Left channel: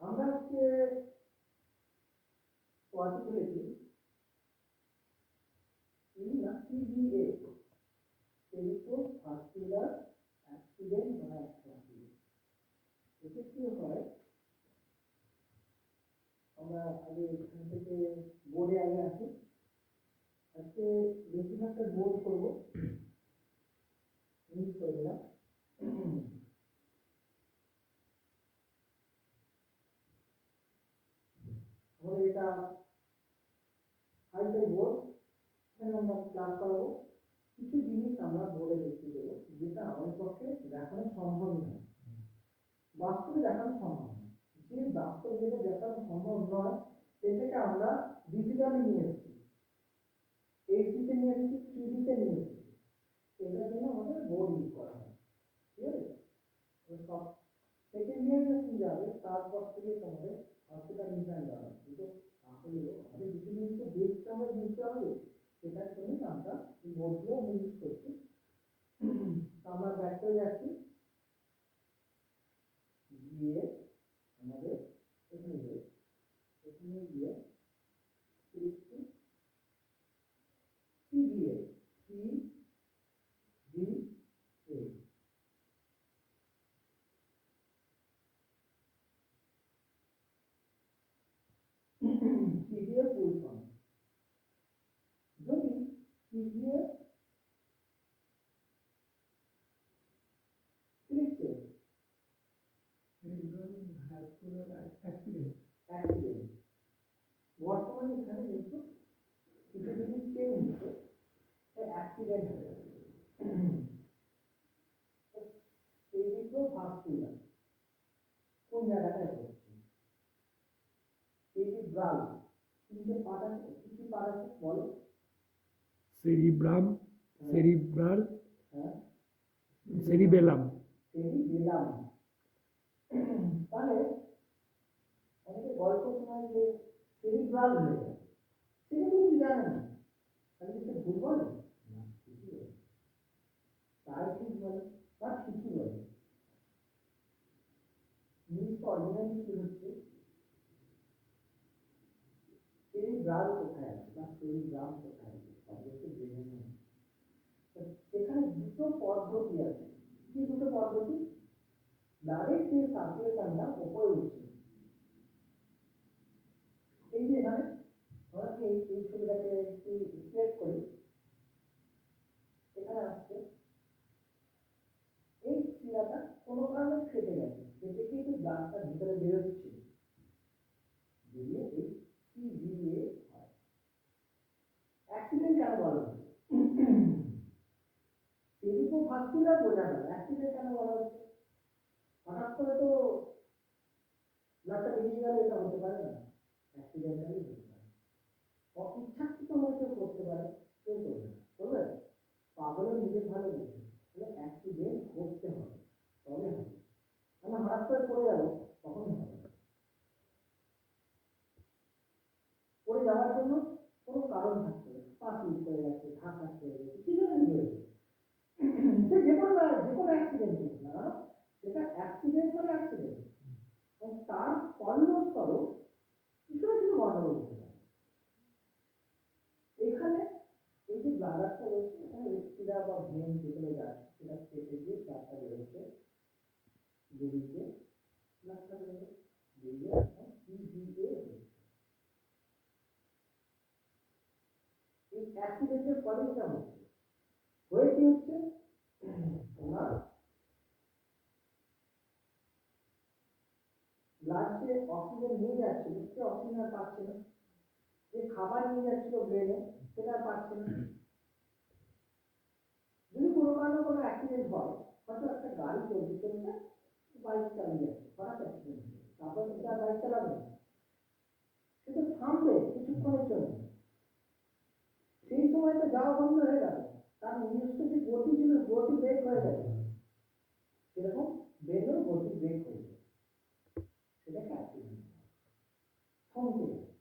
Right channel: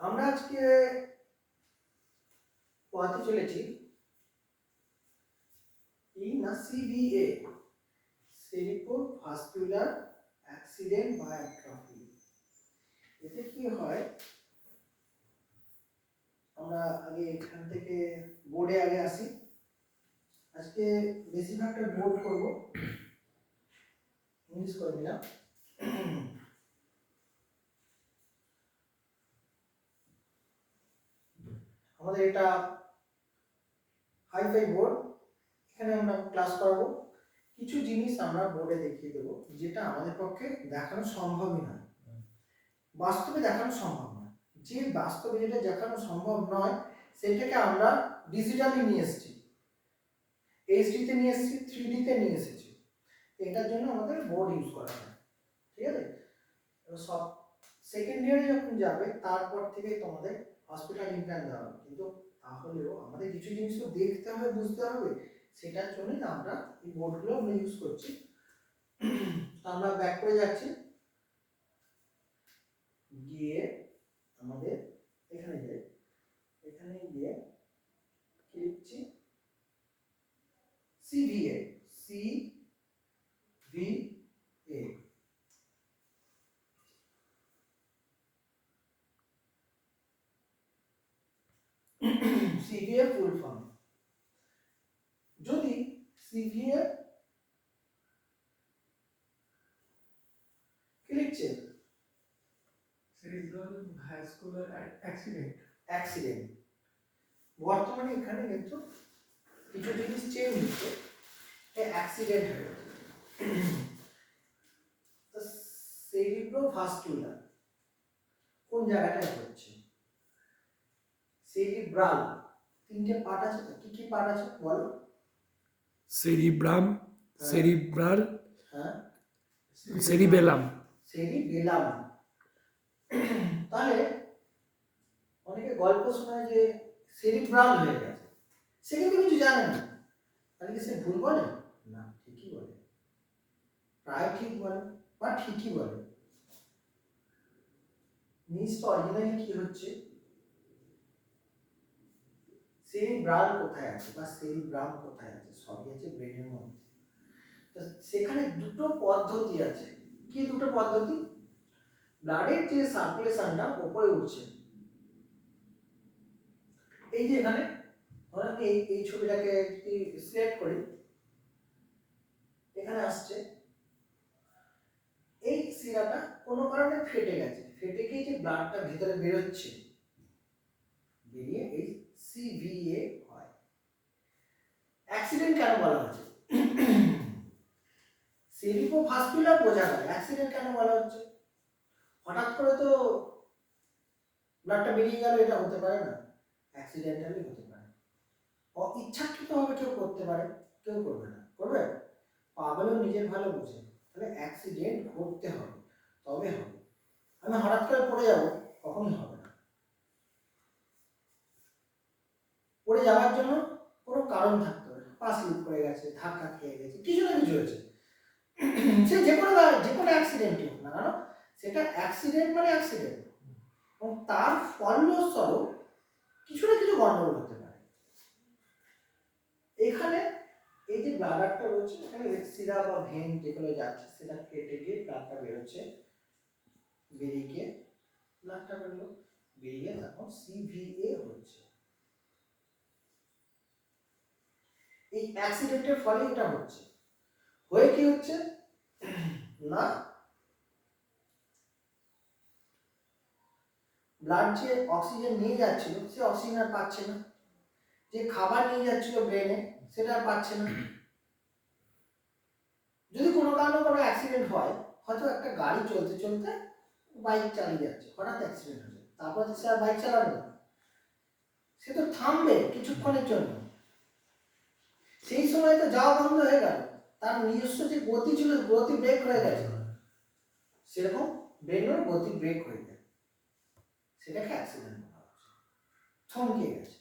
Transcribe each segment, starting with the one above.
আমরা আজকে পড়াতে চলেছি এই না সিভিএ সেরিপো ভাস্কুলার অ্যাক্সিডেন্ট বা অ্যাট্রফি এতে কি হয়, আমরা আগে এখান থেকে বোর্ডে আগে আসি। আজকে বেশিরভাগটা বোর্ড করব। ইংলিশ করে দিলাম আমাদের এটা হাইফাই বোর্ড এখানে আমরা ক্লাস করাবো। কিছু জিনিস আমরা বোর্ডে দেখিয়ে দেবো, যেটা আমাদের পক্ষে দেখানো সম্ভবই নয়। বাস্তবে দেখানো সম্ভব নয়। যে বাস্তবে যেটা দেখানো সম্ভব নয়, সেটাকে আমরা ডিজিটালি নিয়ে এসেছি। এইচডিতে নিয়ে এসেছি থ্রি ডিতে নিয়ে এসেছি। এটার জন্য আমাদের বোর্ড ইউজ করা হয়। ঠিক আছে? সব সেকেন্ড ইয়ারে যখন যাবে, তারপর থেকে তোমাদের হসপিটাল ইমপ্ল্যান দেওয়া কিন্তু তাহলেও আমাদের কিছু জিনিস তো দেখতে হবে বুঝতে হবে। সেটার জন্যই আমরা এই বোর্ডগুলো আমরা ইউজ করছি। আমরা ব্যাক করে যাচ্ছি। গিয়ে আমাদের এখানে যে এখানে গিয়ে কি লিখছি CVA C V A CVA full form. যদি সিভিএ কি লিখছে vascular accident অ্যাক্সিডেন্ট। বর্তমানে এখানে কিন্তু কিছু জিনিস চেঞ্জ হচ্ছে। অ্যাক্সিডেন্ট সেরিব্রোভাস্কুলার কোন জায়গাটায় হচ্ছে? সেরিব্রাল তিনটে পার্ট আছে তো? কি কি পার্ট আছে বলো? cerebrum, হ্যাঁ। cerebral, হ্যাঁ. সেরিবেলাম তাহলে অনেকে গল্প শোনায় যে সেরিব্রাল হয়ে গেছে। সে কিন্তু কিছু জানে না। তাহলে কি সে ভুল বলে? না ঠিকই বলে। প্রায় ঠিক বলে বা ঠিকই বলে। জিনিসটা অরিজিনালি কি হচ্ছে? সেরিব্রাল কোথায় আছে বা সেরিব্রাম কোথায় আছে? সবই আছে ব্রেনের মধ্যে। তো সেখানে দুটো পদ্ধতি আছে। কি দুটো পদ্ধতি? ব্লাডের যে সার্কুলেশনটা উপরে উঠছে। এই যে এখানে আমি এই এই ছবিটাকে যদি সিলেক্ট করি। এখানে আসছে। এই শিরাটা কোনো কারণে ফেটে গেছে। ফেটে গিয়ে যে ব্লাডটা ভিতরে বেরোচ্ছে। বেরিয়ে এই সিভিএ হয়। অ্যাক্সিডেন্ট কেন বলা হচ্ছে? সেরিব্রোভাস্কুলার বোঝা গেল অ্যাক্সিডেন্ট কেন বলা হচ্ছে? হঠাৎ করে তো ব্লাডটা বেরিয়ে গেল, এটা হতে পারে না। অ্যাক্সিডেন্টালি হতে পারে। ইচ্ছাকৃতভাবে কেউ করতে পারে, কেউ করবে না। করবে? পাগলও নিজের ভালো বোঝে। তাহলে অ্যাক্সিডেন্ট ঘটতে হবে, তবে হবে। আমি হঠাৎ করে পড়ে যাব, কখনোই হবে না পড়ে যাওয়ার জন্য কোনো কারণ থাকতে হবে পা স্লিপ করে গেছে, ধাক্কা খেয়ে গেছে, কিছু না কিছু হয়েছে। সে যে কোনো যে কোনো অ্যাক্সিডেন্টই হোক না কেন, সেটা অ্যাক্সিডেন্ট মানে অ্যাক্সিডেন্ট এবং তার ফলস্বরূপ কিছু না কিছু গন্ডগোল হতে পারে। এখানে এই যে ব্লাডারটা রয়েছে, এখানে শিরা বা ভেন যেগুলো যাচ্ছে, সেটা কেটে গিয়ে ব্লাডটা বেরোচ্ছে বেরিয়ে গিয়ে ব্লাডটা বেরোলো বেরিয়ে এখন সিভিএ হচ্ছে। এই অ্যাক্সিডেন্টের ফলে এটা হচ্ছে। হয়ে কি হচ্ছে? ওনার ব্লাড যে অক্সিজেন নিয়ে যাচ্ছিল, সে অক্সিজেন আর পাচ্ছে না। যে খাবার নিয়ে যাচ্ছিল ব্রেনে সেটা আর পাচ্ছে না। যদি কোনো কারণে কোনো অ্যাক্সিডেন্ট হয়, হয়তো একটা গাড়ি চলতে চলতে বাইক চালিয়ে যাচ্ছে, হঠাৎ অ্যাক্সিডেন্ট হয়েছে তারপর সে আর বাইক চালাবে না। সে তো থামবে কিছুক্ষণের জন্য। সেই সময় তো যাওয়া বন্ধ হয়ে গেল। তার নিজস্ব যে গতি ছিল, গতি ব্রেক হয়ে গেছে। সেরকম ব্রেনের গতি ব্রেক হয়ে যায় সেটাকে অ্যাক্সিডেন্ট বলা হচ্ছে। থমকে গেছে।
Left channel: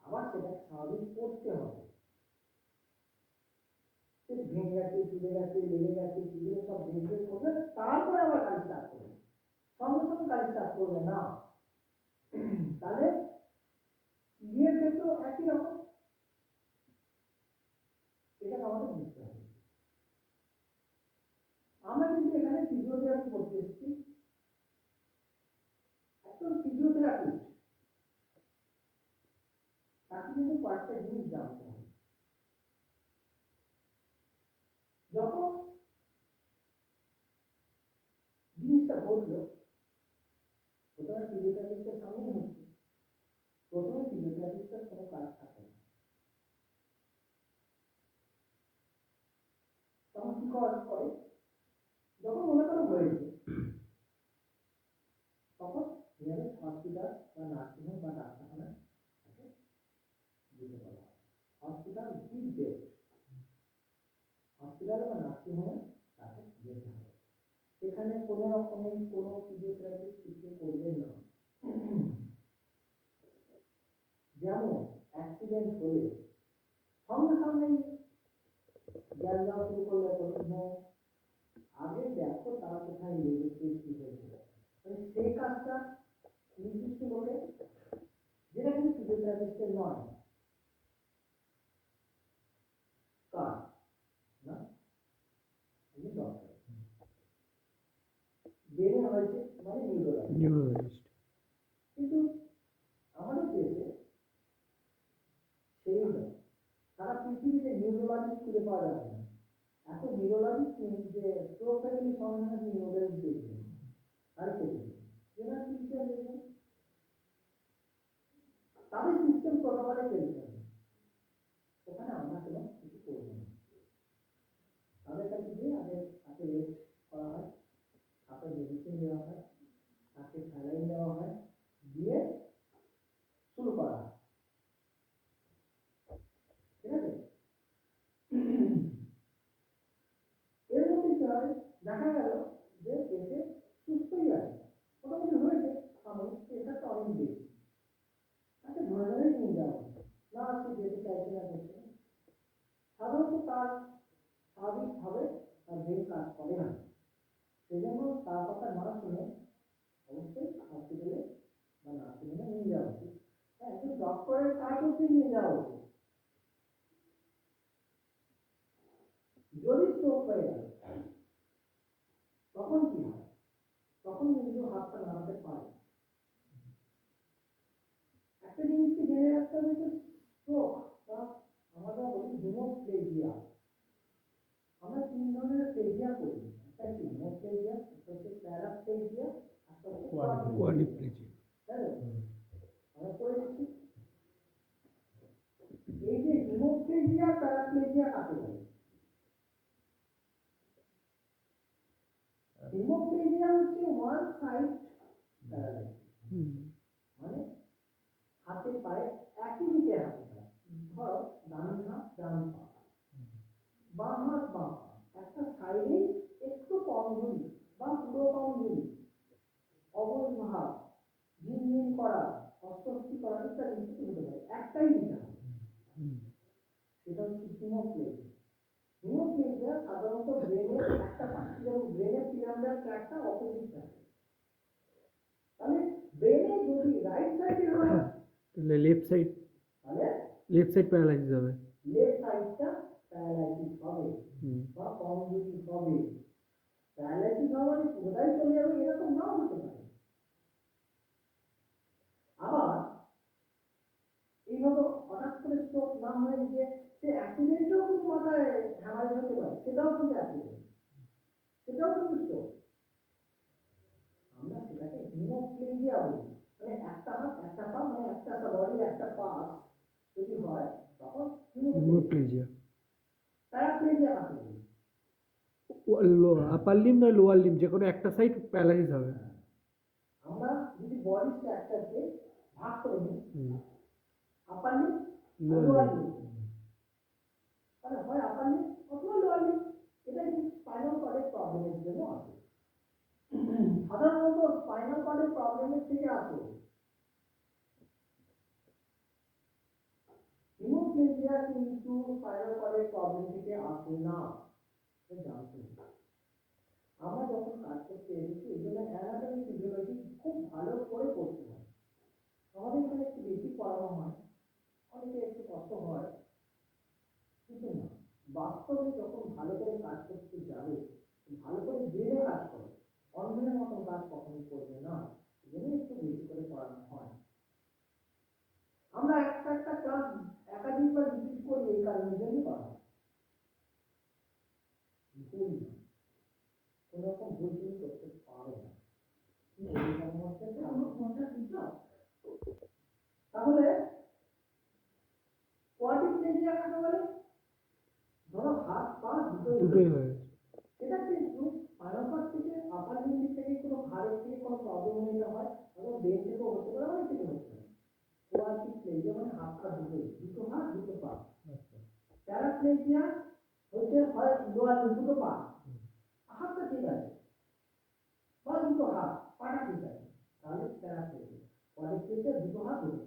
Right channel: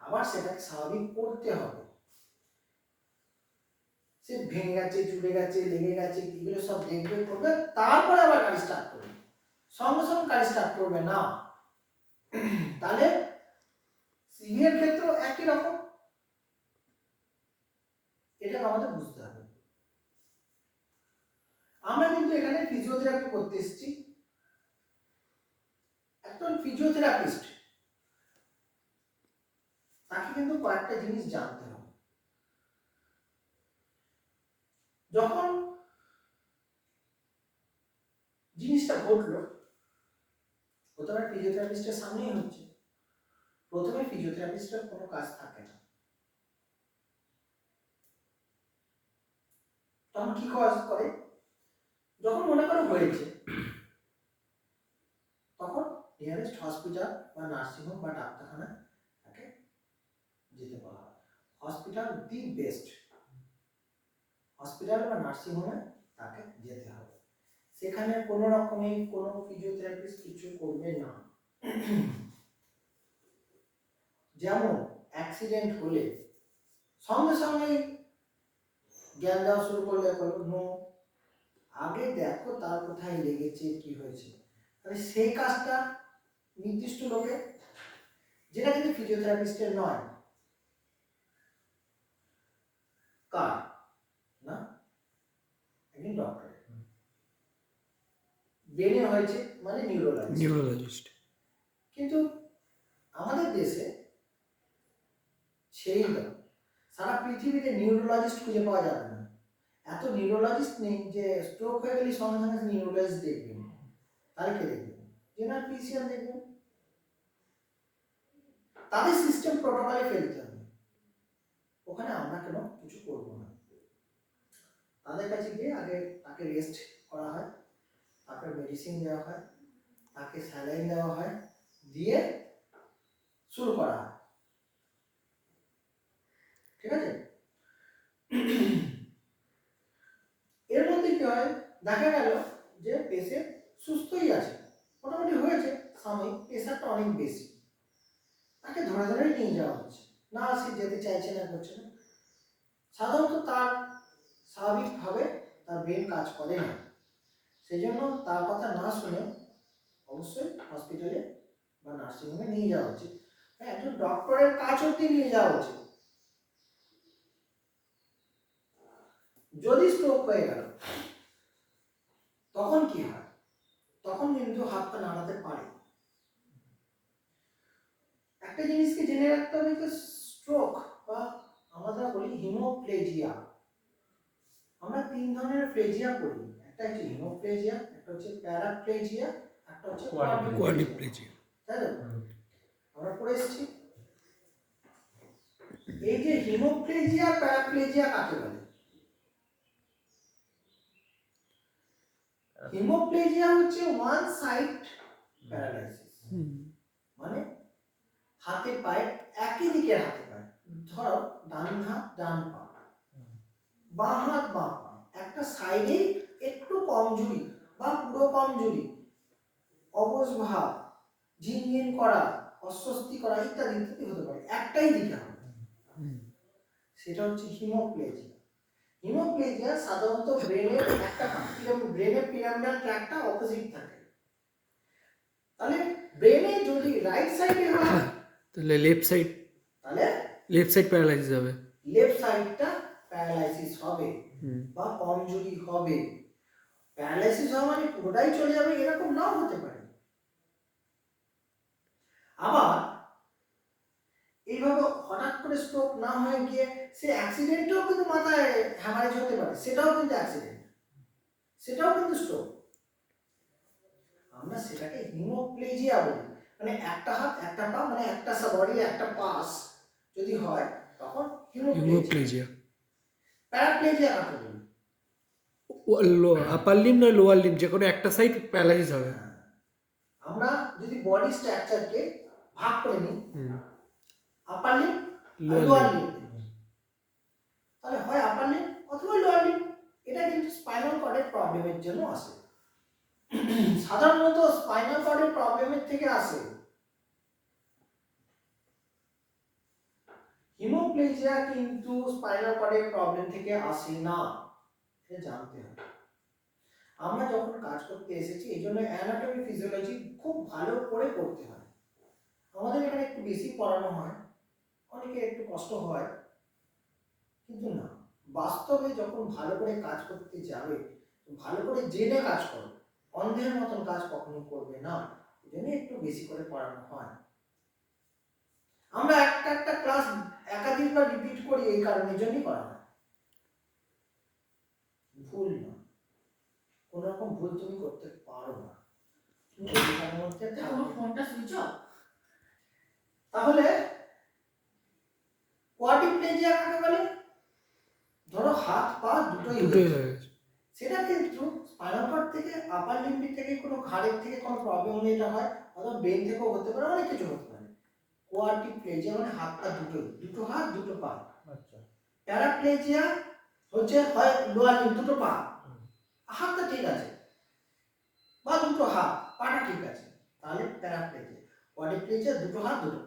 আবার সেটাকে স্বাভাবিক করতে হবে। সে ভেঙে গেছে চুলে গেছে, লেগে গেছে, এগুলো সব দেখবে, করবে, তারপরে আবার গাড়ি স্টার্ট করবে। সঙ্গে সঙ্গে গাড়ি স্টার্ট করবে না। তাহলে সিভিয়ার ক্ষেত্রেও একই রকম। এটা আমাদের বুঝতে হবে। আমরা কিন্তু এখানে ফিজিওথেরাপি করতে এসেছি। একজন ফিজিওথেরাপিস্ট তাকে কিন্তু কয়েকটা জিনিস জানতে হবে। যখন জিনিসটা ঘটলো, প্রথমে ফিজিওথেরাপিস্টের সামনেই হচ্ছে। প্রথমে ফিজিওথেরাপিস্টের কোনো কাজ থাকে না। তখন কি কাজ করে? যখন মনে করো হয়েছে তখন নিয়ারেস্ট হসপিটাল বা নার্সিংহোম বা ডাক্তারখানা তাকে যেতে বলা হয়। হসপিটাল দি বেস্ট হসপিটাল বা নার্সিংহোমে তাকে যেতে হবে। সেখানে কোনো রকমের কোনো ফিজিওথেরাপিস্ট কিছু করবে না। যেমন অ্যাক্সিডেন্ট হলে সঙ্গে সঙ্গে জ্ঞান দেওয়া শুরু করলে করল নো আগে দেখো তার কোথায় লেগেছে কি হয়েছে। তাহলে সেই কাজটা নির্দিষ্ট লোকে যেটা কিন্তু ফিজিওথেরাপিস্টের নয় কার? না? একজন ডক্টর ব্রেনে হয়েছে মানে নিউরোলজি নিউরোলজিস্ট কিন্তু আমাদের দেশে সেই নয় সারা পৃথিবীতে নিউরোলজিস্ট খুঁজে পাওয়া যাবে না। এত নিউরোলজিস্ট নেই যে স্ট্রোক হয়ে গেলে সঙ্গে সঙ্গে নিউরোলজিস্ট দেখবেন। তাহলে কে দেখবেন? জেনারেল ফিজিশিয়ান দেখবেন। তাদের সিস্টেম প্রোটোকলে ফেলতে হবে। ওখানে আমরা কেন কিছু করব না? তাদের কাছে গিয়ে আগে তাকে রেস্ট করা হয় তাকে মেডিসিন দেওয়া হয়, তাকে স্যালাইন দেওয়া হয়, দিয়ে শুরু করা হয়। ঠিক আছে? এর মধ্যে কি হয়? দেখা গেল যে পেশেন্ট সুস্থই আছে। মোটামুটি হয়েছে। সাময়িক প্রেশারটা অনেক বেশি। তাকে ধরে ধরে নিয়ে যাওয়া হচ্ছে। না, সে যেতে চাইছে না, করছে না। সাধারণত তার স্বাভাবিকভাবে তার ব্রেন কাজ করে না। সেই জন্য তার কথা না শুনে অবশ্যই হসপিটালে বা নার্সিংহোমে নিয়ে যাওয়া উচিত। হ্যাঁ একজন ডক্টরের কাজ অব্দি নিয়ে যাওয়া উচিত। যদি স্ট্রোক হয়ে গেল তখন কি হয়? তখন কিন্তু হাত পা নাড়াতে পারে। একটা জিনিসকে জেনে রাখতে হবে যে স্ট্রোক বা আমরা বলি হিমোপ্লেজিয়া আমরা তিন ধরনের প্লেজিয়া করি একটা হচ্ছে হিমোপ্লেজিয়া একটা হচ্ছে প্যারাপ্লেজিয়া একটা হচ্ছে. কোয়াড্রিপ্লেজিয়া তাই তো? আমরা পড়ে এসেছি। এই যে হিমোপ্লেজিয়া প্যারাপ্লেজিয়া কাকে বলে? হিমোপ্লেজিয়া হচ্ছে ওয়ান সাইড প্যারালাইসিস মানে হাতে পায়ে একই দিকে হাতে পায়ে। ধরো ডান হাত ডান পা। বাঁ হাত বাঁ পা। একটা সাইডে একটু কমজোরি বা পুরো কমজোরি। অবশ ভাব ঝিনঝিন করা অস্বস্তি করা ইত্যাদি ইত্যাদি হতে পারে। একটাই দিকে হবে সেটা হচ্ছে হিমোপ্লেজিয়া হিমোপ্লেজিয়া সাধারণত ব্রেনের একটা ব্রেনের পিরামিডাল ট্র্যাকটা অপোজিট থাকে। তাহলে ব্রেনে যদি রাইট সাইডে হয় তাহলে লেফট সাইড তাহলে লেফট সাইড প্যারালাইসিস হবে। লেফট সাইডটা প্যারালাইসিস হবে। বা কমজোরি হবে। প্যারালাইসিস হওয়া মানে পুরোটাই চলে যাবে এরকম নাও হতে পারে। আবার এইভাবে হঠাৎ করে স্ট্রোক না হয়ে গিয়ে সে অ্যাক্সিডেন্টেও কিন্তু মাথায় হ্যামারেজ হতে পারে সেটাও কিন্তু অ্যাক্সিডেন্ট সেটাও কিন্তু স্ট্রোক আমরা সেটাকে হিমোপ্লেজিয়া বলি মানে একটা হাত একটা পা মানে একটা বডি একটা পাস যদি হয় তখন হিমোপ্লেজিয়া প্যারাপ্লেজিয়া কাকে বলি? আপার লিম না লোয়ার লিম যে কোনো একটা সাইড প্যারালাইসিস হবে। আমরা যদি বডি স্ট্রাকচারকে ভাগ করে নিই। আপার লোয়ার তাহলে হয় আপার লিম অথবা লোয়ার লিম এটা কিন্তু স্পাইনাল কর্ডের প্রবলেমের জন্য আসে। সাধারণত স্পাইনাল কর্ডের প্রবলেমের থেকে আসে হিমোপ্লেজিয়া কিন্তু স্পাইনাল কর্ডের প্রবলেম থেকে আসে না। এটা জানতে হবে। আমরা যখন কাজ করতে এসেছি এই জন্য অ্যানাটমি ফিজিওলজি খুব ভালো করে করতে হয়। আমাদের এখানে একটু বেশি পড়ানো হয়। অনেকে একটু কষ্ট হয়। কিন্তু না বাস্তবে যখন ভালো করে কাজ করতে যাবে ভালো করে জেনে কাজ করো। অন্ধের মতন কাজ কখনো করবে না। জন্য একটু বেশি করে পড়ানো হয়। আমরা একটা একটা ক্লাস একাধিকবার রিপিট করি এই কারণের জন্যই করা হয়। ভুল না। কোনো রকম ভুল তুমি করতে পারো না। ফোনটা তাহলে কোয়াড্রিপ্লেজিয়া কাকে বলে? ধরো হাত পা দুটোই দুটোই হয়েছে। হয়ে গেছে। সেটা কিন্তু স্পাইনাল থেকে আপার লিম্বিক থেকে কোনো ঘাড়ের থেকে কোনো প্রবলেম হলে এটা হয় অথবা ব্রেন থেকেও হতে পারে অনেক কিছু হতে পারে। কোয়াড্রিপ্লেজিয়া মানে হাত পা দুটোই দুটো হাত দুটো পা। আচ্ছা। প্যারাপ্লেজিয়া হচ্ছে হয় লোয়ার লিম্ব দুটো পা। হাতটা ঠিক আছে বা দুটো হাত পাটা ঠিক আছে তাহলে প্যারাপ্লেজিয়া কোয়াড্রিপ্লেজিয়া দুটো হাত দুটো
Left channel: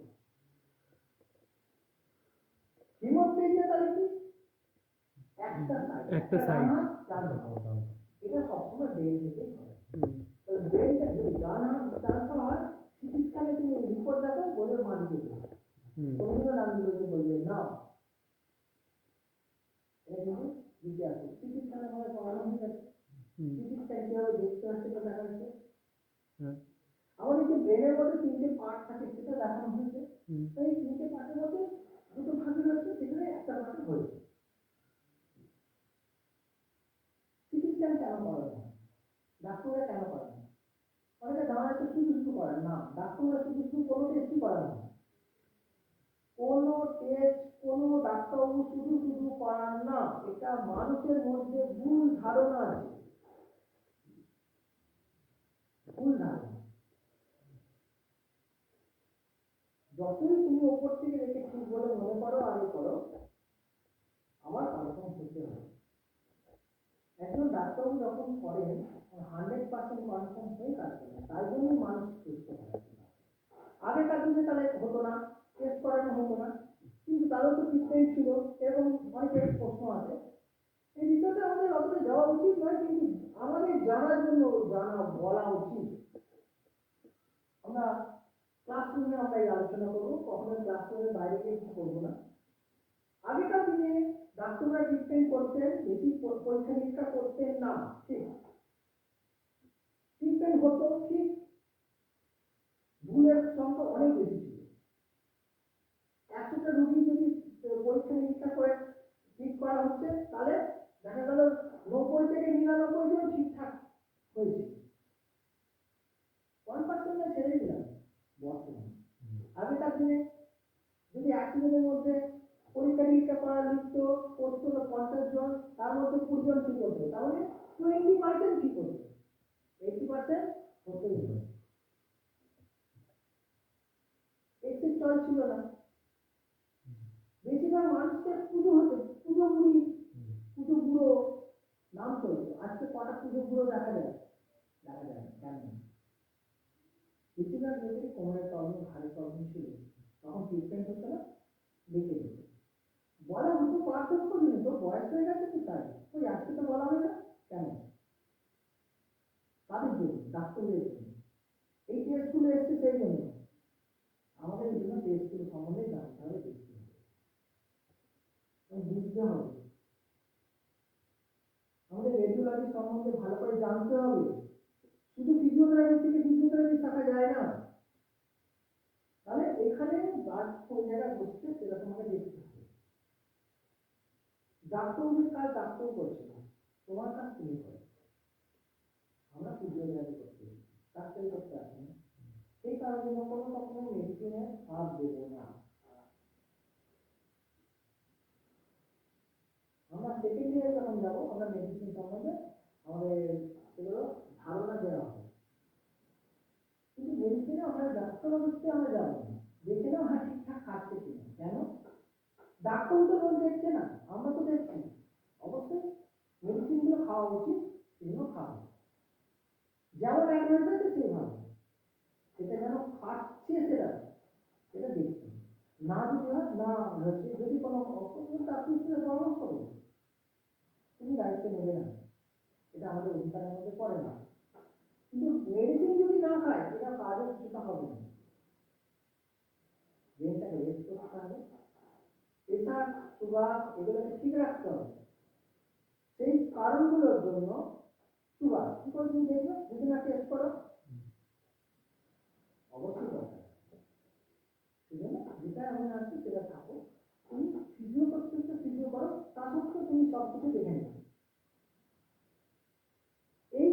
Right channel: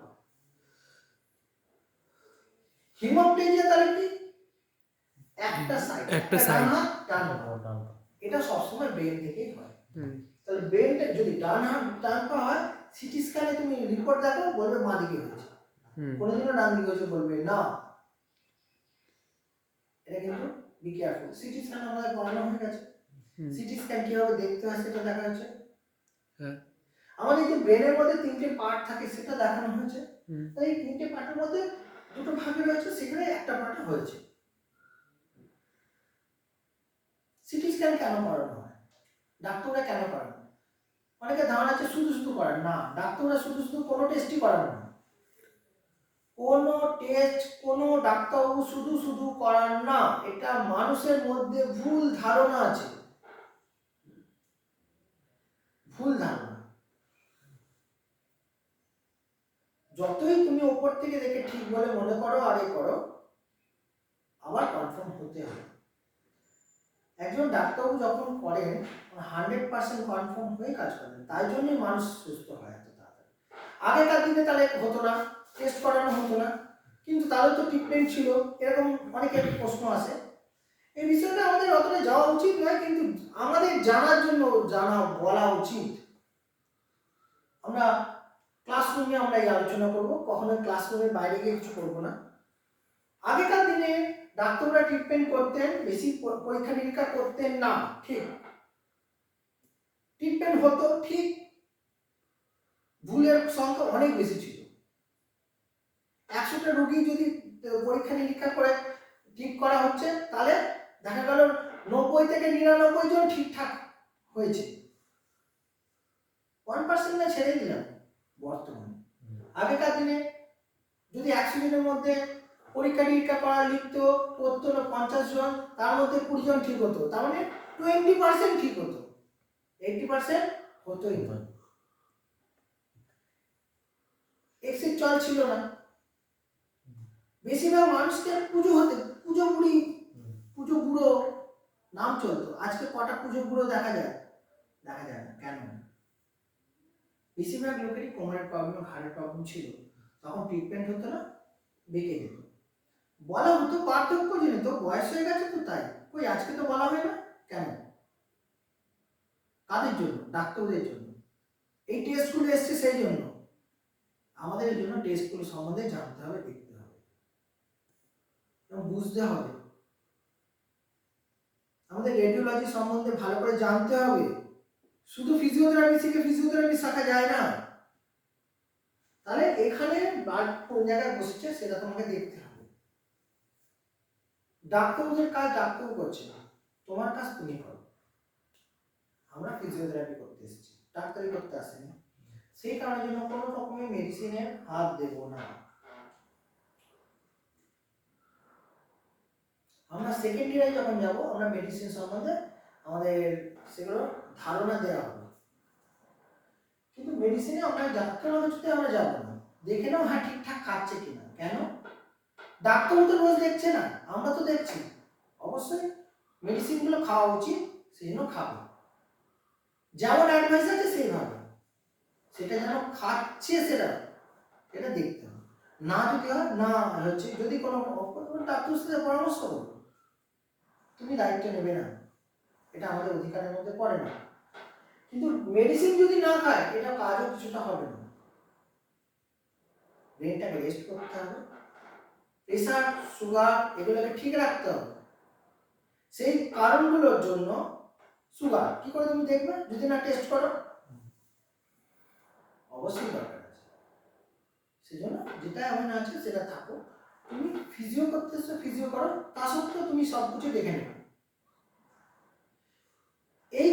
তাহলে কি? একটা সাইড একটা পা। এটা সবসময় ব্রেন থেকেই হয়। তাহলে ব্রেনটা যদি ডান হাত ডান পা হয় সিটি স্ক্যানে তুমি রিপোর্ট দেখো বলবে মা দিকে হয়েছে। কোনোদিনও ডান দিকে হয়েছে বলবে না। এটা কিন্তু বি কেয়ারফুল সিটি স্ক্যান আমাদের করানো হয়ে গেছে। সিটি স্ক্যান কীভাবে দেখতে হয় সেটা দেখা হয়েছে। হ্যাঁ। আমাদের যে ব্রেনের মধ্যে তিনটে পার্ট থাকে সেটা দেখানো হয়েছে। হুম। তাই এই তিনটে পার্টের মধ্যে দুটো ভাগে রয়েছে, সেখানে একটা পার্ট হয়েছে। সিটি স্ক্যান কেন করানো হয়? ডাক্তাররা কেন করান অনেকে ধারণা আছে শুধু শুধু করান। না, ডাক্তাররা শুধু শুধু কোনো টেস্টই করান না। কোনো টেস্ট কোনো ডাক্তারবাবু শুধু শুধু করান না, এটা মানুষের মধ্যে ভুল ধারণা আছে। ভুল ধারণা। যতই তুমি ওপর থেকে দেখে ঠিক বলে মনে করো, আর এ করো আবার কনফার্ম হতে হবে। একজন ডাক্তারবাবু যখন করেন হান্ড্রেড পার্সেন্ট কনফার্ম হয়ে কাজ করেন, তাই জন্যই মানুষ সুস্থ হয় এত তাড়াতাড়ি। আগেকার দিনে তাহলে হতো না টেস্ট করানো হতো না, কিন্তু তাদের তো ট্রিটমেন্ট ছিল, এরকম অনেকের প্রশ্ন আসে। এই বিষয়টা আমাদের অতটা যাওয়া উচিত নয়, কিন্তু আমাদের জানার জন্য জানা, বলা উচিত। আমরা ক্লাসরুমে আমরা এই আলোচনা করব। কখনো ক্লাসরুমের বাইরে গিয়ে কিছু করব না। আগেকার দিনে ডাক্তাররা ট্রিটমেন্ট করতেন, বেশি পরীক্ষা নিরীক্ষা করতেন না, ঠিক। ট্রিটমেন্ট হতো, ঠিক। ভুলের সংখ্যা অনেক বেশি ছিল। একশোটা রোগী যদি পরীক্ষা নিরীক্ষা করে ঠিক করা হচ্ছে, তাহলে দেখা গেল নব্বই থেকে নিরানব্বই জন ঠিকঠাক হয়েছে। ওয়ান পার্সেন্ট ছেড়ে দিলাম। বর্তমানে। আগেকার দিনে যদি একশো জনের মধ্যে পরীক্ষা নিরীক্ষা করা, লিখত করতো না পঞ্চাশ জন, তার মধ্যে কুড়ি জন ঠিক হতো। তার মানে টোয়েন্টি পার্সেন্ট ঠিক হতো। এইটি পার্সেন্ট হতোই না। এক্সিট চল ছিল না। বেশিরভাগ মানুষকে পুজো হতে, পুজো বুড়ি, পুজো বুড়ো নাম চলতো। আজকে কটা পুজো বুড়ো দেখা যায়? দেখা যায় না। কেন? বেশিরভাগ লোকেরই কোমরের প্রবলেম ঘাড়ের প্রবলেম ছিল। তখন ট্রিটমেন্ট হতো না, বেঁকে যেত। বলা হতো পার্থক্য জেনে তো বয়স হয়ে গেছে তো তাই? কই আজকে তো বলা হয় না? কেন? কাদের জন্য? ডাক্তারদের জন্য। এই টেস্টগুলো এসছে সেই জন্য। আমাদের জন্য টেস্টগুলো সম্বন্ধে জানতে হবে, দেখতে হবে। এবং বুঝতে হবে। আমাদের রেডিওলজি সম্বন্ধে ভালো করে জানতে হবে। শুধু ফিজিওথেরাপি শিখে ফিজিওথেরাপি শেখা যায় না। তাহলে এখানে ব্লাড কোন জায়গায় বসছে সেটা তোমাকে দেখতে হবে। ডাক্তারদের কাজ ডাক্তার করছে না, তোমার কাজ তুমি করো। আমরা ফিজিওথেরাপি করতে এসেছি, ডাক্তারি করতে আসেনি। সেই কারণের জন্য কোনো রকমের মেডিসিনের হাত দেব না। আমরা সেকেন্ড ইয়ারে যখন যাব, আমরা মেডিসিন সম্বন্ধে আমাদের সেগুলো ধারণা দেওয়া হবে। কিন্তু মেডিসিনে আমরা ডাক্তার হচ্ছে আমরা যাব না। দেখে নাও হ্যাঁ ঠিকঠাক খাচ্ছে কিনা। কেন? ডাক্তারও তো রোজ দেখছে না। আমরা তো দেখছি। অবশ্যই মেডিসিনগুলো খাওয়া উচিত সেই জন্য খাব। যেমন অ্যাডভাইস আছে সেইভাবে সেটা যেন খাচ্ছে সেটা এটা দেখতে হবে। না যদি হয়, না হচ্ছে। যদি কোনো ডাক্তারের সাথে পরামর্শ করো। তুমি দায়িত্ব নেবে না। এটা আমাদের অধিকারের মধ্যে পড়ে না। কিন্তু মেডিসিন যদি না খায়, এটা কাজও কিছুটা হবে না। ব্রেনটাকে রেস্ট করতে হবে। প্রেশার সুগার এগুলোকে ঠিক রাখতে হবে। সেই কারণগুলোর জন্য সুগার কি করে তুমি দেখবে? যদি না টেস্ট করো। অবশ্যই দরকার সেই জন্য যেটা এমন আছে, সেটা থাকো। তুমি ফিজিও করতেছো ফিজিও করো, তা সত্ত্বেও তুমি সব কিছু দেখে নেবে। এই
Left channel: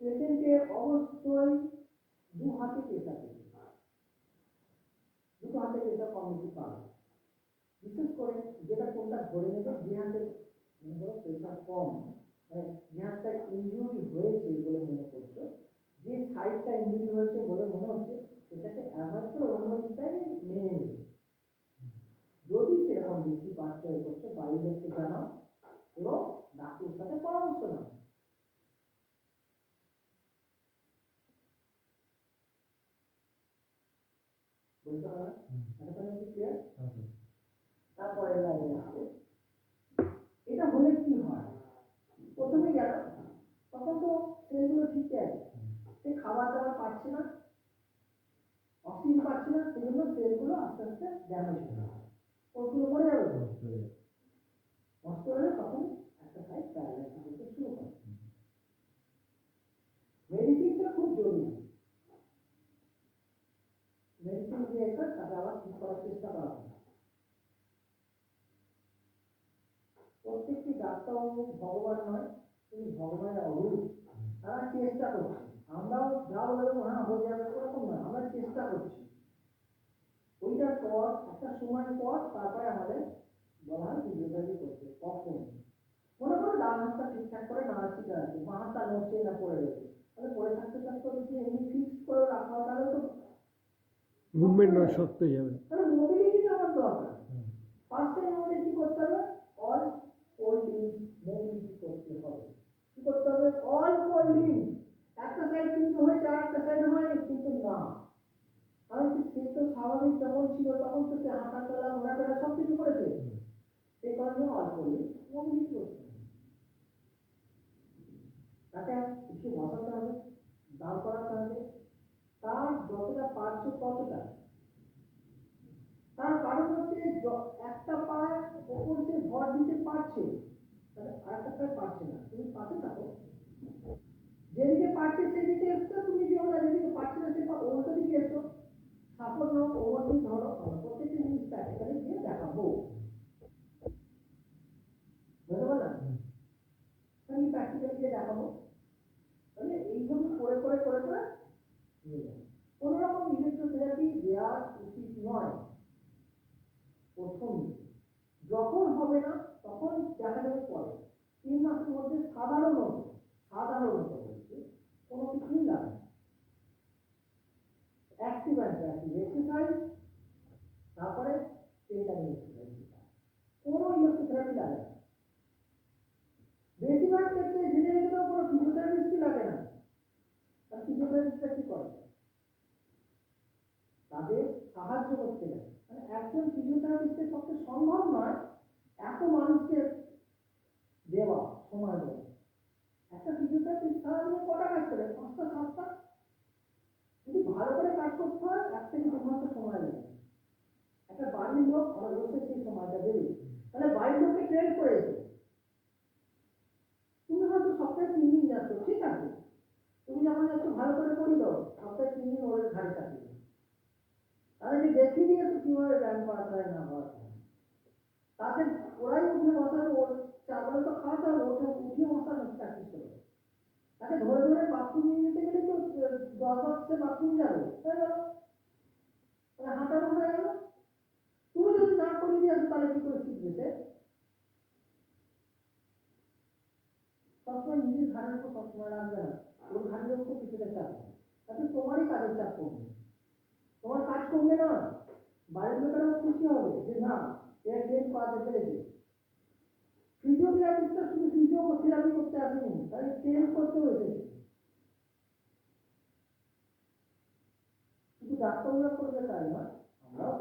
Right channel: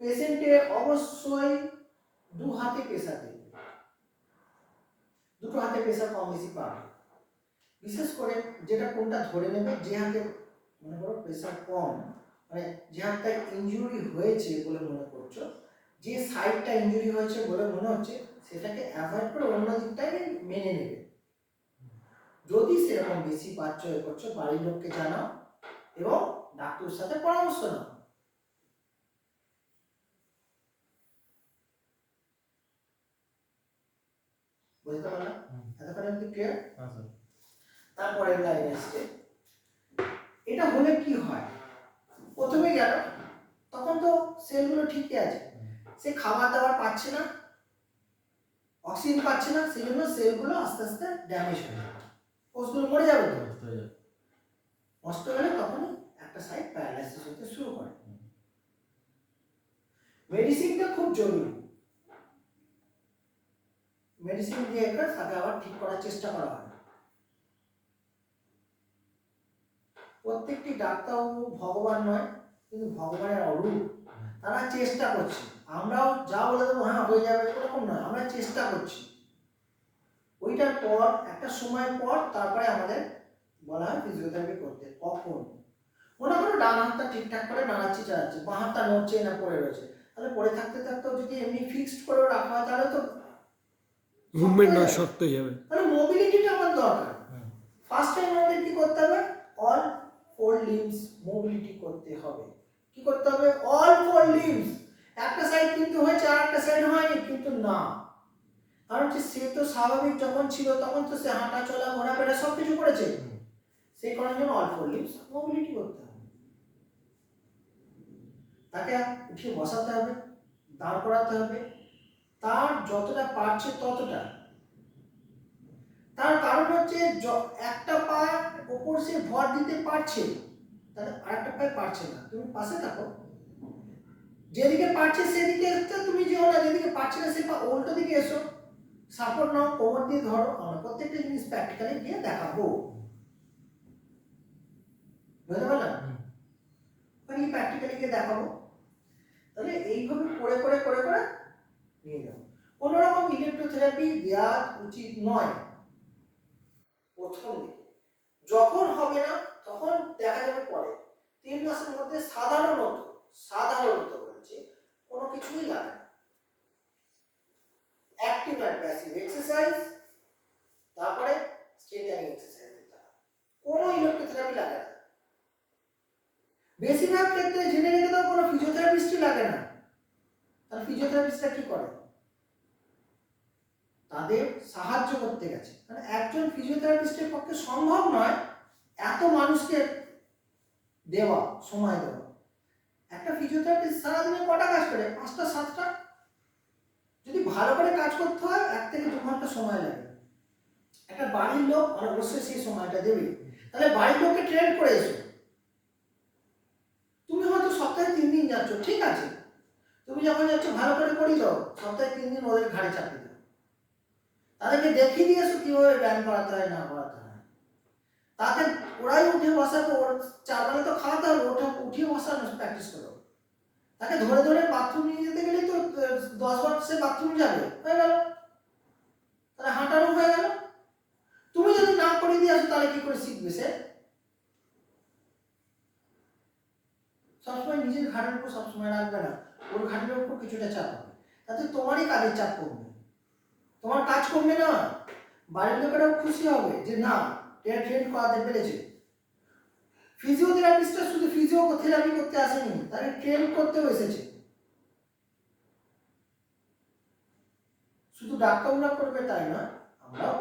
পেশেন্টে অবশ্যই দু হাতে প্রেশার দেবে দুটো হাতে প্রেশার কম বেশি পাবে বিশেষ করে যেটা কোনটা ধরে নেবে, যে হাতে মনে করো প্রেশার কম মানে যে হাতটা ইনজুরি হয়েছে বলে মনে করছ, যে সাইডটা ইনজুরি হয়েছে বলে মনে হচ্ছে, সেটাকে অ্যাভয়েড করে অন্য দিকটাকে মেনে নেবে। যদি সেরকম বেশি পাচ্ছ এ করছ, বাড়ির লোককে জানাও এবং ডাক্তারের সাথে পরামর্শ নাও। বুঝতে পারলাম এতক্ষণ অব্দি ক্লিয়ার তারপরের লাইনে আসছে। এটা হলে কি হয়? প্রথমে গেল তখন তো সেলগুলো ঠিকই আছে। সে খাবার দাবার পাচ্ছে না অক্সিজেন পাচ্ছে না সেই জন্য সেলগুলো আস্তে আস্তে ড্যামেজ হয়ে যাবে। কোষগুলো মরে যাবে তো? নষ্ট হলে তখন একটা সাইড প্যারালাইসিস হতে শুরু করে। মেডিসিনটা খুব জরুরি। মেডিসিন দিয়ে তাকে আবার ঠিক করার চেষ্টা করা হয়। প্রত্যেকটি ডাক্তারবাবু ভগবান নয়, কিন্তু ভগবানের অরূপ। তারা চেষ্টা করছে। আমরাও যা বলে দেবো হ্যাঁ হয়ে যাবে, এরকম নয়। আমরা চেষ্টা করছি। ওইটার পর, একটা সময় পর তারপরে আমাদের বলা হয় ফিজিওথেরাপি করতে। কখন? মনে করো ডান হাতটা ঠিকঠাক করে নাড়াচ্ছি চালাচ্ছে, বাঁ হাতটা নড়ছে না পড়ে রয়েছে। তাহলে পড়ে থাকতে থাকতেও যদি এমনি ফিক্সড করে রাখা হয়, তাহলে তো মুভমেন্ট নয় হয়ে যাবে। তাহলে মোবিলিটিটা আমার দরকার। ফার্স্ট টাইম আমাদের কি করতে হবে? অল ফোর লিম্বস মোবিলিটি করতে হবে। কি করতে হবে? অল ফোর লিম্বস একটা সাইড কিন্তু হয়েছে, আর একটা সাইড হয়নি, কিন্তু না। কারণ হচ্ছে সে তো স্বাভাবিক যখন ছিল, তখন তো সে হাঁটা, চলা, ঘোরাফেরা সব কিছু করেছে। সেই কারণে জন্য অল ফোর লিম্বস মোবিলিটি করতে হবে। তাকে উঠিয়ে বসাতে হবে, দাঁড় করাতে হবে তার যতটা পারছে ততটা। তার কারণ হচ্ছে একটা পা ওপর সে ভর দিতে পারছে তাহলে আরেকটা পায়ে পারছে না। তুমি পাশে থাকো। যেদিকে পারছে সেদিকে তুমি যেও না যেদিকে পারছে না সে পা উল্টো দিকে এসো। সাপোর্ট নাও ওভার দিয়ে ধরো আমরা প্রত্যেকটা জিনিস প্র্যাকটিক্যালি গিয়ে দেখাবো। বুঝতে পারলাম? প্র্যাকটিক্যালি গিয়ে দেখাবো। তাহলে এইভাবে করে করে করে করে নিয়ে যাব কোনো রকম ইলেকট্রোথেরাপি দেওয়া উচিত নয়। প্রথম, যখন হবে না, তখন দেখা যাবে পরে। তিন মাসের মধ্যে সাধারণত সাধারণত বলছি, কোনো কিছুই লাগে না। অ্যাক্টিভ অ্যান্ড প্যাসিভ এক্সারসাইজ, তারপরে স্ট্রেচারিং এক্সারসাইজ কোনো ইলেকট্রোথেরাপি লাগে না। বেশিরভাগ ক্ষেত্রে জেনে রেখে তো কোনো ফিজিওথেরাপিস্টই লাগে না। তাহলে ফিজিওথেরাপিস্টরা কি করে তাদের সাহায্য করতে গেছে। মানে একজন ফিজিওথেরাপিস্টের পক্ষে সম্ভব নয় এত মানুষকে দেওয়া, সময় দেওয়া। একটা ফিজিওথেরাপিস্ট সারাদিনে কটা কাজ করে? পাঁচটা, সাতটা? যদি ভালো করে কাজ করতে হয়, এক থেকে দু ঘণ্টা সময় লাগে। একটা বাড়ির লোক মানে অবশ্যই সেই সময়টা দেবে। তাহলে বাড়ির লোককে ট্রেন করে এসো। তুমি হয়তো সপ্তাহে তিন দিন যাচ্ছ, ঠিক আছে। তুমি যখন যাচ্ছ, ভালো করে করি দাও সপ্তাহে তিন দিন ওদের ঘাড়ে চাপিয়ে দাও। তাদেরকে দেখিয়ে দিয়ে এসো কীভাবে ব্যায়াম করাতে হয়, না করাতে হয়। তাতে ওরাই উঠে বসাবে, ওর চার বেলা তো খাওয়াতে হবে ওঠে উঠিয়ে বসানো প্র্যাকটিস করো। তাকে ধরে ধরে বাথরুম নিয়ে যেতে গেলে তো, দশ বার সে বাথরুম যাবে, হয়ে গেল। তাহলে হাঁটানো হয়ে গেল। তুমি যদি না করে দিয়ে আসো, তাহলে কি করে শিখবে সে? সবসময় নিজের ঘাটের উপর সবসময় রাখবে না। ওর ঘাটের উপর কিছুটা চাপ হবে। তাতে তোমারই কাজের চাপ কমবে। তোমার কাজ কমবে না। বাড়ির লোকেরাও খুশি হবে যে, না এরা ট্রেন করাতে পেরেছে। ফিজিওথেরাপিস্টরা শুধু ফিজিওথেরাপি করতে আসেনি তারা ট্রেন করতেও এসেছে। শুধু ডাক্তাররা করবে তাই না, আমরাও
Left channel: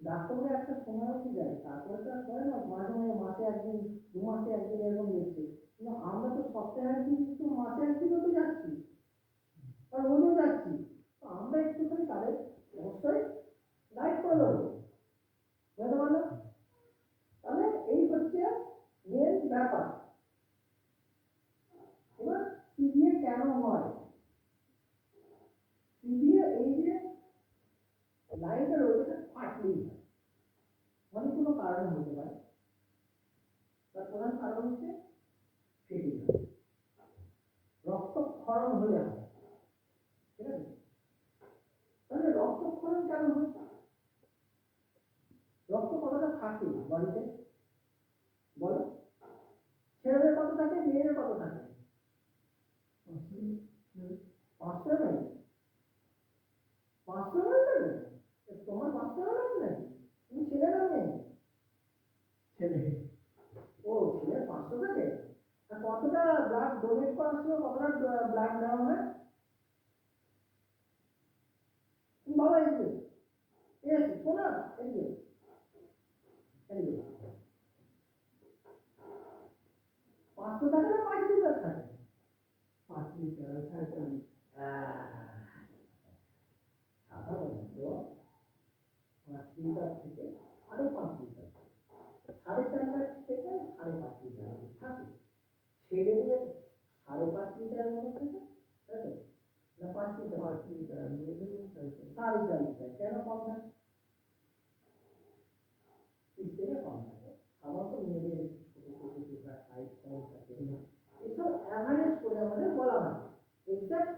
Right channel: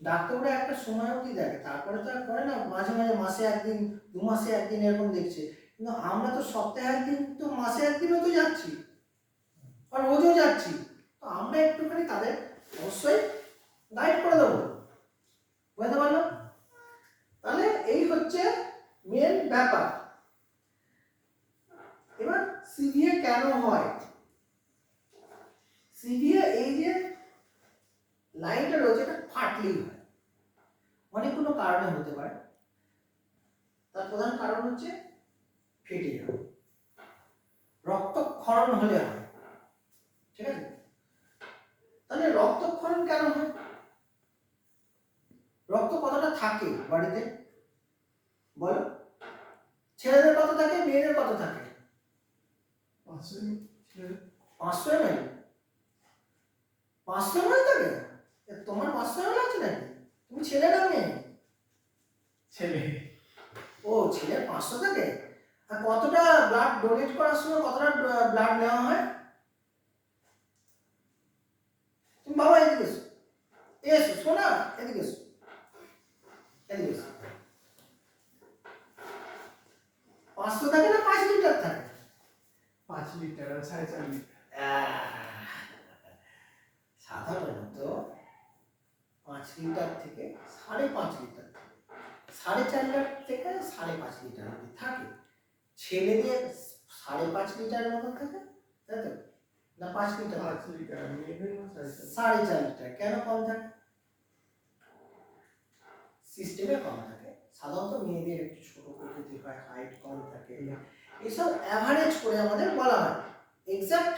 ডাক্তাররা একটা সময় অবধি দেখে? তারপরে তো আর করে না, মাঝে মাঝে মাসে একদিন, দু মাসে একদিন এরকম দেখছে। কিন্তু আমরা তো সপ্তাহে একদিন তো মাসে একদিনও তো যাচ্ছি। আর রোজও যাচ্ছি। তো আমরা একটুখানি তাদের অবশ্যই গাইড করে দেবো। বুঝতে পারলাম? তাহলে এই হচ্ছে মেন ব্যাপার। এবার সিভিএ কেন হয়? সিভিএ এই যে লাইনটা রয়েছে, এটা ফাটলেই হয়। অনেকগুলো কারণে হতে পারে। তার প্রধান কারণ হচ্ছে ফেটে যাওয়া রক্তক্ষরণ হলে হয় ঠিক আছে? তাহলে রক্তক্ষরণ কেন হয়? রক্ত কতটা থাকে বাড়িতে? বলো। ছেলেদের কত থাকে? মেয়েদের কত থাকে? পাঁচশো এম এল পাঁচশো এম এল থাকে তোমার পাঁচশো এম এল আছে নাকি? তুমি ছেলে না মেয়ে? ছেলে। ও ছেলের পাঁচশো থাকে? কতটা ব্লাড ডোনেট করার সময় কতটা ব্লাড নেওয়া হয়? তুমি বাবা এদিকে এসো। এসো শোনা এদিকে এসো। এদিকে এসো। পাঁচশো থাকে না পাঁচ লিটার থাকে? পাঁচ লিটার সাড়ে চার লিটার। সাধারণত পাঁচ লিটার থেকে সাড়ে পাঁচ লিটার সাড়ে চার লিটার থেকে সাড়ে পাঁচ লিটার থাকে। ছেলেদের সাড়ে পাঁচ লিটারের মতো থাকে? তাই তো? না পাঁচ লিটার? পাঁচ লিটার সাড়ে চার লিটার। কেন কম থাকে? সিস্টেমে কম থাকে। সাধারণত মেয়েদের একটু ছোট প্রকৃতির হয় হাইট কম থাকে। এসব অ্যাভারেজ করে আমাদের বলা হয়। এক্সাক্ট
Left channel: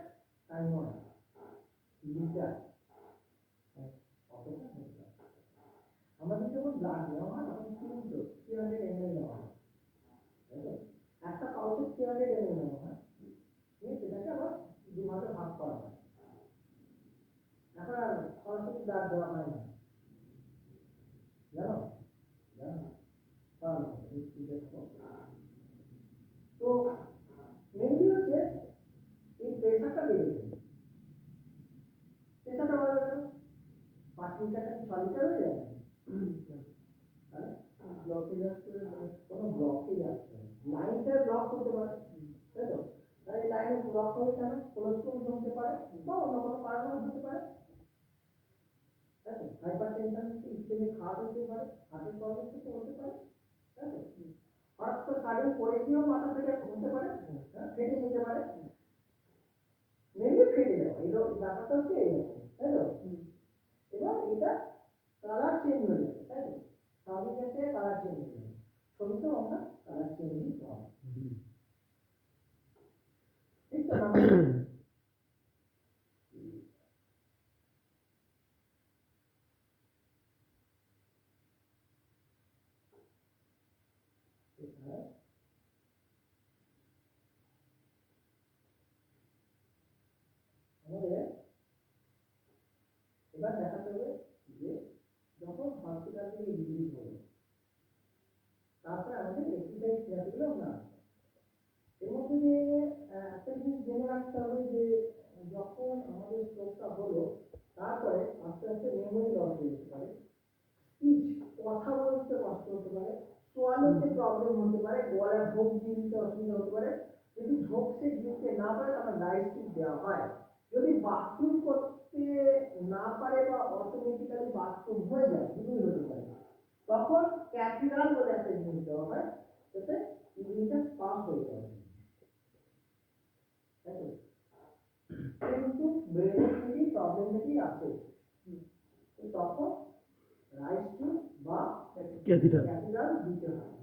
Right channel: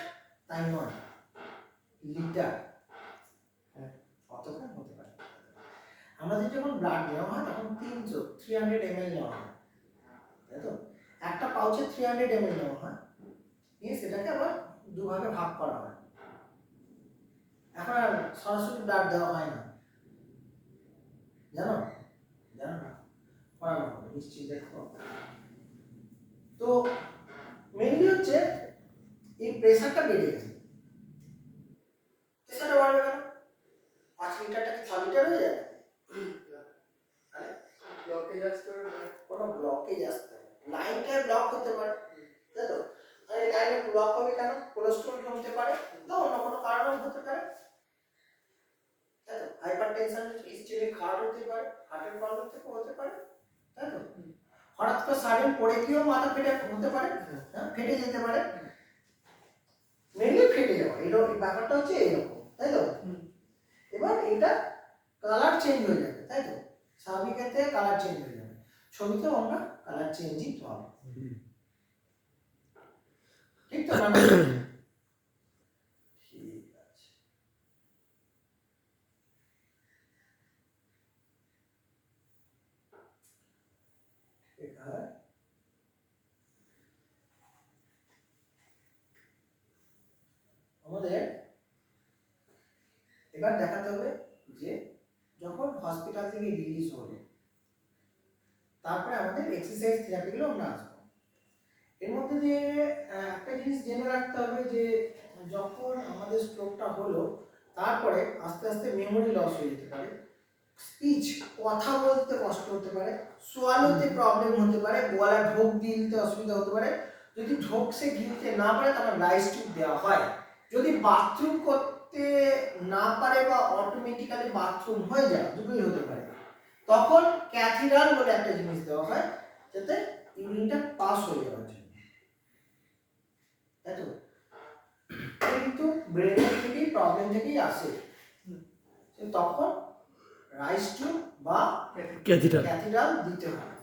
তাই নয়। লিটার। হ্যাঁ। কতটা হতে পারে? আমাদের যখন ব্লাড নেওয়া হয় তখন তিনশো থ্রি হান্ড্রেড এম এল নেওয়া হয়। তাই তো? একটা পাউচে থ্রি হান্ড্রেড এম নেওয়া হয়। নিয়ে সেটাকে আবার দুভাগে ভাগ করা হয়। এখন আর সরাসরি ব্লাড দেওয়া হয় না। জানো? জানো না? করানো হবে নিশ্চয়ই দেখো। তো মেনলি হচ্ছে এই প্রেশারটা বেড়ে গেছে। প্রেশারটা বাড়বে কেন? পাঁচ লিটারটা কি ছ লিটার হয়ে যাবে? তাহলে ব্লকেজ আসতে কোনো ব্লকেজ আসতে হবে লাইনটায় ব্লক হতে পারে। তাই তো? তাহলে লাইনে ব্লক হবে কেন? কোলেস্ট্রল জমতে পারে বা অন্য কোনো কারণেও হতে পারে। তাই তো? হাইপার টেনশন ইস্টেমিক হার্ট হতে পারে হার্টের প্রবলেম থেকে হতে পারে। তাই তো? হঠাৎ করে সাডেন পড়ে গিয়েও মাথা ফেটে হতে পারে হ্যাঁ ফেটে যেতে পারে। মেনলি ফেটে যাওয়া এরকম ব্যাপারটা হচ্ছে এরকম তাই তো? এবার এটা কালার চেঞ্জ হয়ে যাবে, তাই তো? স্বাভাবিকের থেকে কালার চেঞ্জ হয়ে যাবে। ছবিতেও আমরা কালার চেঞ্জই পাবো ঠিক তো আমাদের এবার দেখাতে হবে যে যখন হসপিটাল থেকে রিলিজ হলো তারপরে আমাদের এক্সারসাইজ থেরাপিগুলো আমরা আসব। এর মধ্যে যে একটা জিনিস জেনে রাখতে হবে যে যখন আমাদের স্ট্রোকটা হলো তারপরে আস্তে আস্তে মেমোরি লস হয়ে যেতে পারে স্পিচ কথা বলতে কষ্ট হতে পারে সোয়ালোতে প্রবলেম হতে পারে গলা ঢোক দিতে অসুবিধা হতে পারে যদি ঢোক সে গিলতে না পারে তাহলে রাইস টিউব দেওয়া হয়। যদি বাথরুম করতে না পারে বা অটোমেটিক্যালি বাথরুম হয়ে যায় দুটোই হতে পারে। তখন ক্যাথিরাল বলে একটা জিনিস দেওয়া হয় যাতে ইউরিনটা পাস হয়ে যাওয়ার জন্য। তাই তো কিন্তু ব্রেনের থেকেই প্রবলেম থেকেই আসে। তখন রাইস টিউব বা ক্যাথিটার ক্যাথিড্রাল দিতে হয়।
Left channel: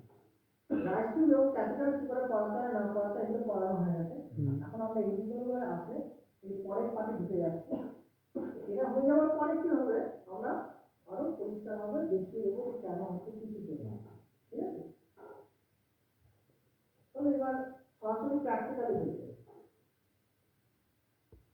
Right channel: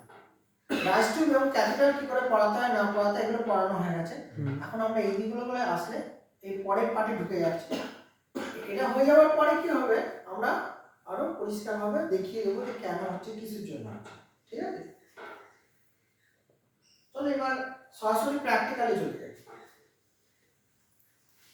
রাইস টিউব এবং ক্যাথিড্রাল কি করে পড়াতে হয় না পড়াতে এগুলো পড়ানো হয়ে গেছে। এখন আমরা এই দিকগুলো করে আসলে এই পরের পার্টে ঢুকে যাচ্ছি। এটা হয়ে যাওয়ার পরে কি হবে? আমরা আরও পরিষ্কার পরিষ্কারভাবে দেখিয়ে দেবো যে কেন হচ্ছে, কিসের জন্য হচ্ছে, ঠিক আছে? চলো এবার সরাসরি প্র্যাকটিক্যালি চলে